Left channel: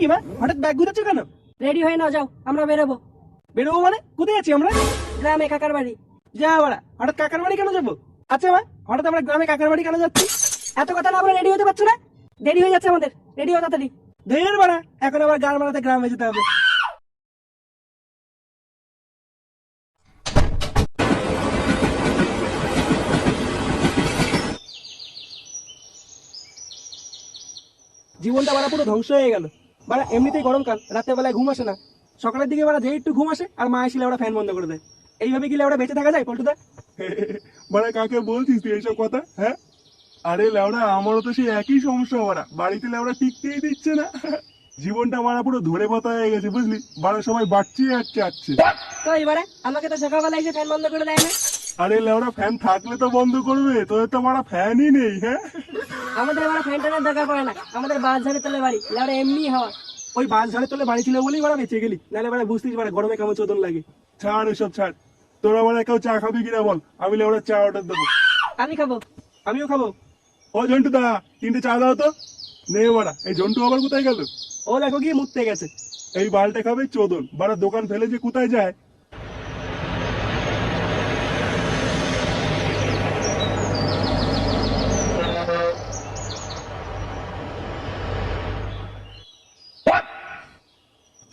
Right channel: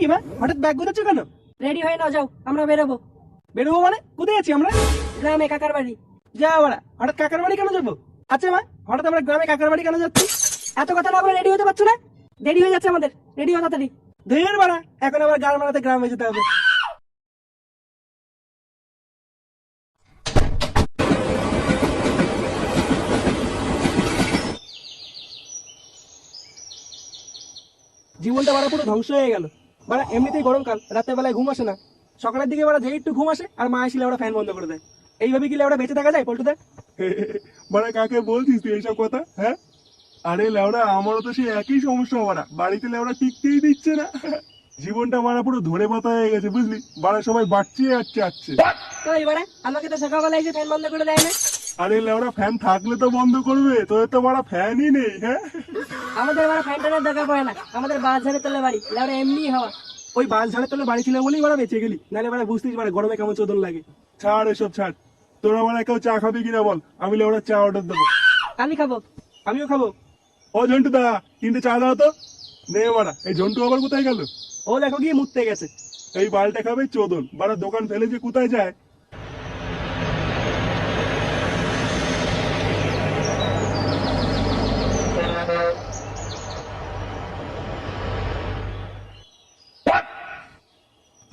কি মা, হঠাৎ ব্যাগ গুছাচ্ছ কেন? রেডি হয়ে নাও, যাও আমরা বেরোবো। বেরোবো মানে? কোথায় আছি আমরা? গ্রামে কাকার বাড়ি। যা বাড়া, হঠাৎ কাকার বাড়ি কেন যাবো? আচ্ছা মা, হঠাৎ আমরা গ্রামে কাকার বাড়ি কেন যাচ্ছি? এত কথা না বলে রেডি হতে পারছো না? দেরি হয়ে যাচ্ছে আমাদের, রেডি হও তাড়াতাড়ি। ধের বাড়া, এখন আবার গান মারাতে গ্রামে যেতে হবে। জীবনটা বাড়া পুরো ধ্বংস হয়ে গেল। বাড়া এমনিতেই গরমকাল, রাতের বেলায় ঘুম আসে না, সকালের দিকে বাড়া যেই একটু ঘুম আসে আর মা এসে ওরা ফ্যান বন্ধ করে দেয়। এইভাবে কি লেওড়া বেঁচে থাকা যায় পল্টুদা? মানে কাকে বলছিস তুই এইসব কথা? হ্যাঁ, আরে লেওড়া আমারও তো সেই একই সমস্যা। ওরা বাড়িতে লেওড়া টিকতেই দিচ্ছে না। জীবনটা মানে পুরো ধরে পাতা হয়ে গেছে বুঝলি। বাড়া সবাই বাড়ছে আসছে। তো এবারে আমাকে তো সকালবেলা এসে ফ্যান বন্ধ করে দেয় না। আরে লেওড়া ফ্যান থাকলে তো বন্ধ করবে, তোদের তো বাড়া ফ্যানই নেই। হ্যাঁ, আমাদের এবার ফ্যান ট্যানের দরকার পড়ে না, আমাদের বাস ঝাড়ে তলে বাড়ি, লেওড়া এমনি হওয়া। ওই বাস ঝাড়ে তোলে বাড়ি ছিল বলেই বাড়া বেঁচে গেলি, নাহলে বাড়া বুঝতিস বাড়া গরমে কেমন চোদন লাগে। ছাড় এসব ছাড়। তোরা বাড়া কেউ চা খাবি কিনা বল, আমি লেওড়া চা অর্ডার দেবো। আমি খাবো। আমিও খাবো। ও ঝন্টু দা, 3টে চা দাও তো। নে বাড়া, এই ঝন্টু আবার কোথায় গেল? ও দেখো গিয়ে মুততে গেছে। এই বালটা খাবে চোদন, বাড়া দোকান ফেলে যে কোথায় যায়।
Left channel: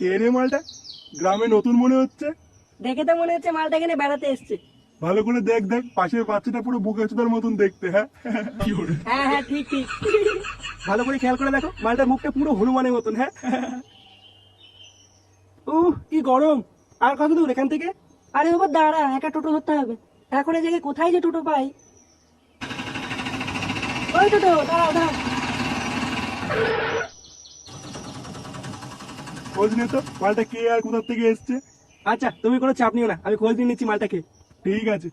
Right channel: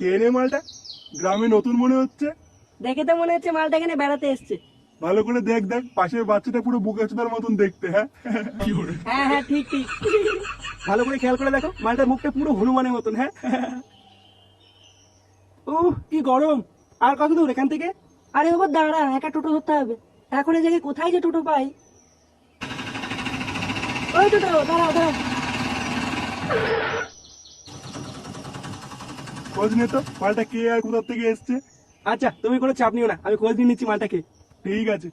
কে রে মালটা? গ্রামে নতুন মনে হচ্ছে। দেখে তো মনে হচ্ছে মালটা এখানে বেড়াতে এসছে। ভালো করে দেখ দেখ, পাশের বাচ্চাটা পুরো বুকেচুদার মতন দেখতে। হ্যাঁ হ্যাঁ হ্যাঁ, ঠিক ঠিক। ভালো করে খেয়াল করে দেখো, মালটার মুখটা পুরো হনুমানের মতন। হ্যাঁ, কি গরম। আর কত দূর এখান থেকে? আরে বাবু দাঁড়া, একটা টোটো ধরতে হবে। এখন এই জায়গায় কোথায় যে টোটো পাই? ওই টোটো, দাঁড়া দাঁড়া। খোঁজ নে তো মালটা কে আর কোথার থেকে এসছে। আচ্ছা তুমি কোনো চাপ নিও না, আমি খোঁজ নিয়ে নিচ্ছি মালটাকে। ঠিক আছে।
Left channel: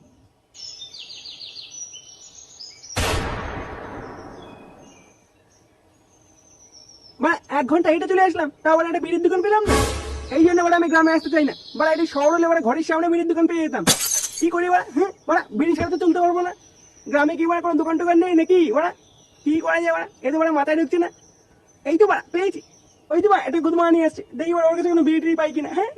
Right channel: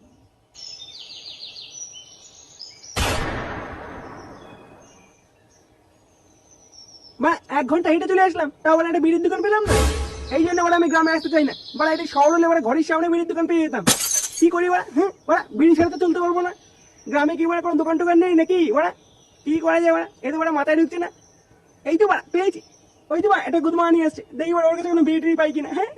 বা 1 ঘন্টা হেঁটে চলে আসলাম, তাও আবার একটা বিড়ির দোকান পেলাম না। এই জন্য ওরা আমি গ্রামে আসতে চাই না। বাড়া এটি শহর হলে ওরা ঘরের সামনে বিড়ির দোকান পেয়ে যেতাম। কি করি ওরা? ওরা বিড়ি ছাড়া তো চলতে পারবো না। গ্রামে কি ওরা কোনো দোকান টোকান নেই নাকি? ওরা কি করা যায়? ওরা এতে ওরা মাথায় ঢুকছে না। এই তো বাড়া পেয়েছি, ওই তো বাড়া একটা গুদমা নিয়ে আসছে, দেখি ওর কাছে কোনো বিড়ি টিড়ি পাই কিনা। হ্যাঁ,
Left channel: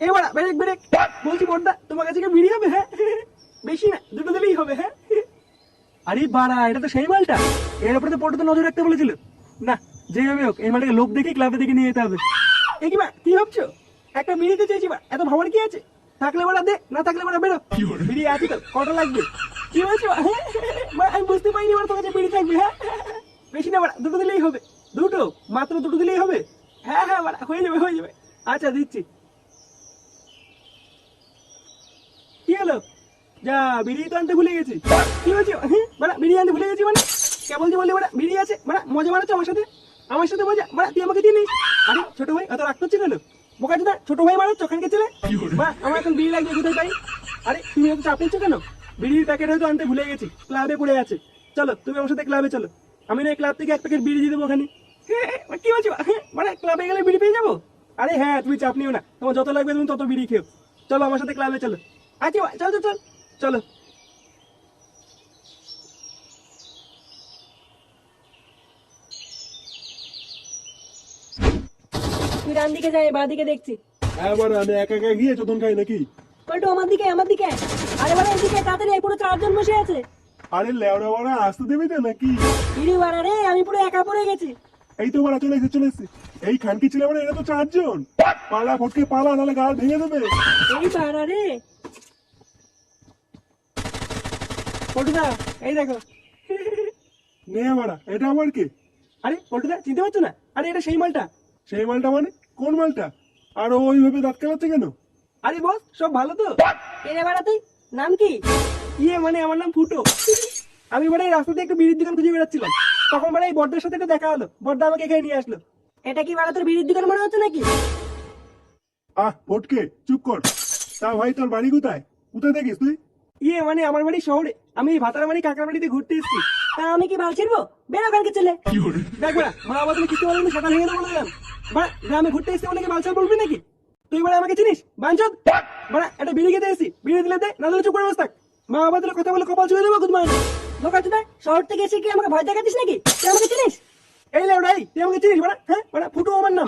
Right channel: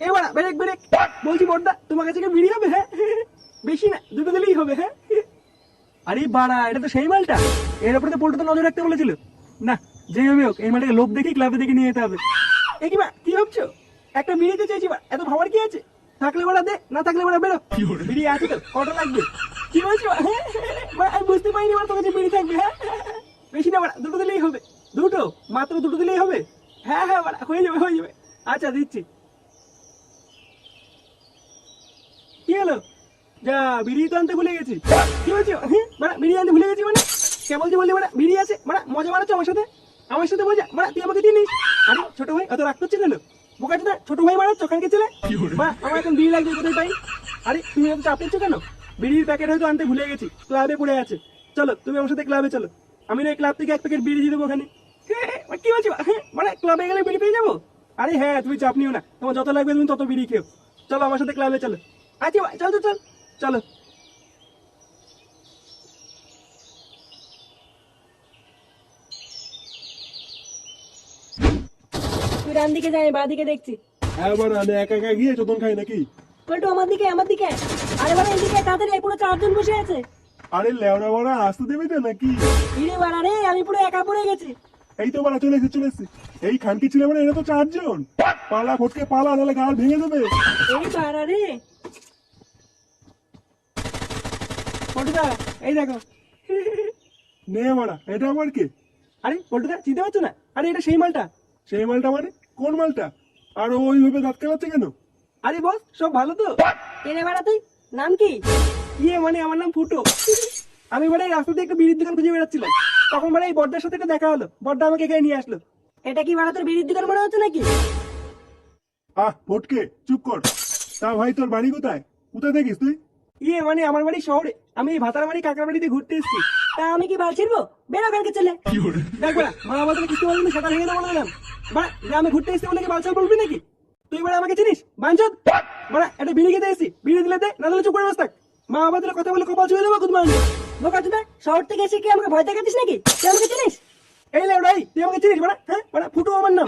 এই বাড়া ব্রেক ব্রেক, বলছি বড়দা তোমার কাছে কি বিড়ি হবে? হ্যাঁ, বেশি না, দুটো দিলেই হবে। হ্যাঁ, আরে বাড়া এটা তো সেই মালটা, এর উপরে তো পোল্টুতে নজর রাখতে বলেছিল। না, যেভাবে হোক এই মালটাকে লোভ দেখে ক্লাবে দেখে নিয়ে যেতে হবে। এ কি বা কি ভাবছো? একটা বিড়িতে চেয়েছি বা, এত ভাবার কি আছে? থাকলে ওরা দে, না থাকলে ওরা বেরো। বিড়ি আছে তো, কটা লাগবে? কি বলছো? হ্যাঁ, বাড়া, আমি বুঝতে পারিনি তোমার কাছে বিড়ি থাকবে। হ্যাঁ, বেশি না বাড়া, দুটো দিলেই হবে। দুটো, মাত্র দুটো দিলেই হবে। হ্যাঁ হ্যাঁ বাড়া, হয়ে যাবে হয়ে যাবে। আচ্ছা দিচ্ছি। কি হলো? যা, বিড়ি তো আনতে ভুলে গেছি। কি বলছো? হ্যাঁ বাড়া, বিড়ি আনতে ভুলে গেছি মানে? কে বলছি বললি বাড়া বিড়ি আছে? বাড়া মজা মারাচ্ছ আমার সাথে? আমার সাথে মজা? বাড়া তুই আমাকে চিনিস? আরে ছোট ভাই এত রাগ করছো কেন? বোকাচ্ছ না, ছোট ভাই মারাচ্ছ ওখানকে ছেলে। বাড়া আমার এখন বিড়ি লাগবে, কোথায় পাই? আরে তুমি এত চাপ নিচ্ছ কেন? বিড়ির প্যাকেট হয়তো আনতে ভুলে গেছি, ক্লাবে পড়ে আছে। চলো তুমি আমার সাথে ক্লাবে চলো, আমি না ক্লাব থেকে 1 প্যাকেট বিড়ি দিয়ে দেবো ওখানে। কি বলছো? হ্যাঁ মানে ক্লাবে গেলে বিড়ি পেয়ে যাবো? আরে হ্যাঁ, তুমি চাপ নিও না, তোমার যত লাগবে তুমি তত বিড়ি খেও। চলো আমার সাথে ক্লাবে চলো। আচ্ছা ভাই চল তো চল, চলো। তুই ডান দিকে যাই, বাঁ দিকে দেখছি। হ্যাঁ বাড়া, আমি একা একা গিয়ে চোদন খাই নাকি? পল্টু আমার দিকে, আমার দিকে। আরে বাড়া এইদিকে তাড়াতাড়ি, এই পুরো 4 জন বসে আছে। আরে লেওড়া বাড়া, আসতে দেবে তো নাকি? ইরে বাড়া রে, আমি পুরো একা পড়ে গেছি। এই তো বাড়া চলে এসেছে। এই খানকি ছেলে মানে এরা তো 4 জন। পালা ফটকে পালা, নাহলে গাল ভেঙে দেবে। এই বাড়া রে। পল্টুদা এই দেখো। নে বাড়া, এটা আমার কে? আরে পল্টুদা চিনতে পারছো না? আরে এটা সেই মালটা। সেই মালটা মানে? কোন মালটা? আর ও ওইভাবে দাঁত কামাচ্ছে কেন? আরে বস সব ভালো তো? কে রে বাড়া তুই? নাম কি? ইয়ে মানে আমার নাম ফুটো। আমি মানে এই রাস্তাতে একটা বিড়ির দোকান খুঁজে বেড়াচ্ছিলাম, তখন মানে এই বড়দার সাথে একটা দেখা হলো, বড়দা আমাকে এখানে নিয়ে আসলো। এটা কি বাড়া তোর বিড়ির দোকান মনে হচ্ছে নাকি? ফটকে চুপ কর। তা ভাই তোর বাড়ি কোথায়? কোথায় থাকিস তুই? ইয়ে মানে আমার বাড়ি শহরে, আমি এই ভাতারামারি কাকার বাড়িতে ঘুরতে এসেছি। তা আমি কি বাল ছিড়বো? বেরো কালকে ছেলে। দেখ বড়া, মা বাবা কিছু বলবি সেটা ভেঙে দেবো বলে দিলাম। বড়া গ্রামে ঘুরতে এসেছি বলে কি বালছাল বলবি নাকি? তুই বড়া আমাকে চিনিস? বাঞ্চদ। বড়া একটা বিড়ি খেতে এসেছি, বিড়ি দিলে দে, না দিলে চুপ করে বস থাক। মা বাবা কথা বলে কপাল ছুঁয়ে দেবো গুদমান। বোকা চোদা, শহর থেকে এসে কি আমাকে ভয় দেখাচ্ছিস নাকি? তুই আমাকে চিনিস? আমাকে চিনিস বাড়া? হ্যাঁ বাড়া, ফুটো আমার নাম।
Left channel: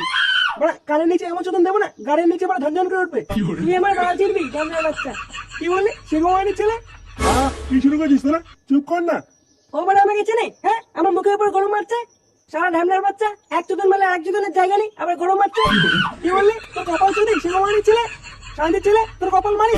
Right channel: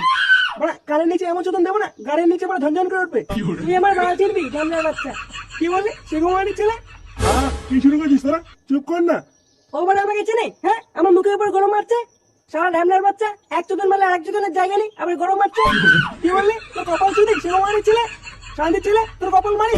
বাড়া কানের নিচে এমন চোদন দেবো না, গাড়ির নিচে বাড়া ঝনঝন করে উঠবে। তুই আমার বাল চিনবি ঢ্যামনার বাচ্চা। কি বললি? শিখমানি ছেলে? কি শুরু করছিস তোরা? চুপ কর না। ও বড় আমাকে চেনে? হ্যাঁ, আমার মুখের উপর গরম মারছে। সারা ঢ্যামনার বাচ্চা, এক চোদন মারলে আরেক চোদনের জায়গা নেই, আবার গরম মারছে। কি বললি? তোর কপাল চুদি, শিখমানি ছেলে, সাইডের ছেলে, তোর কপাল মারি।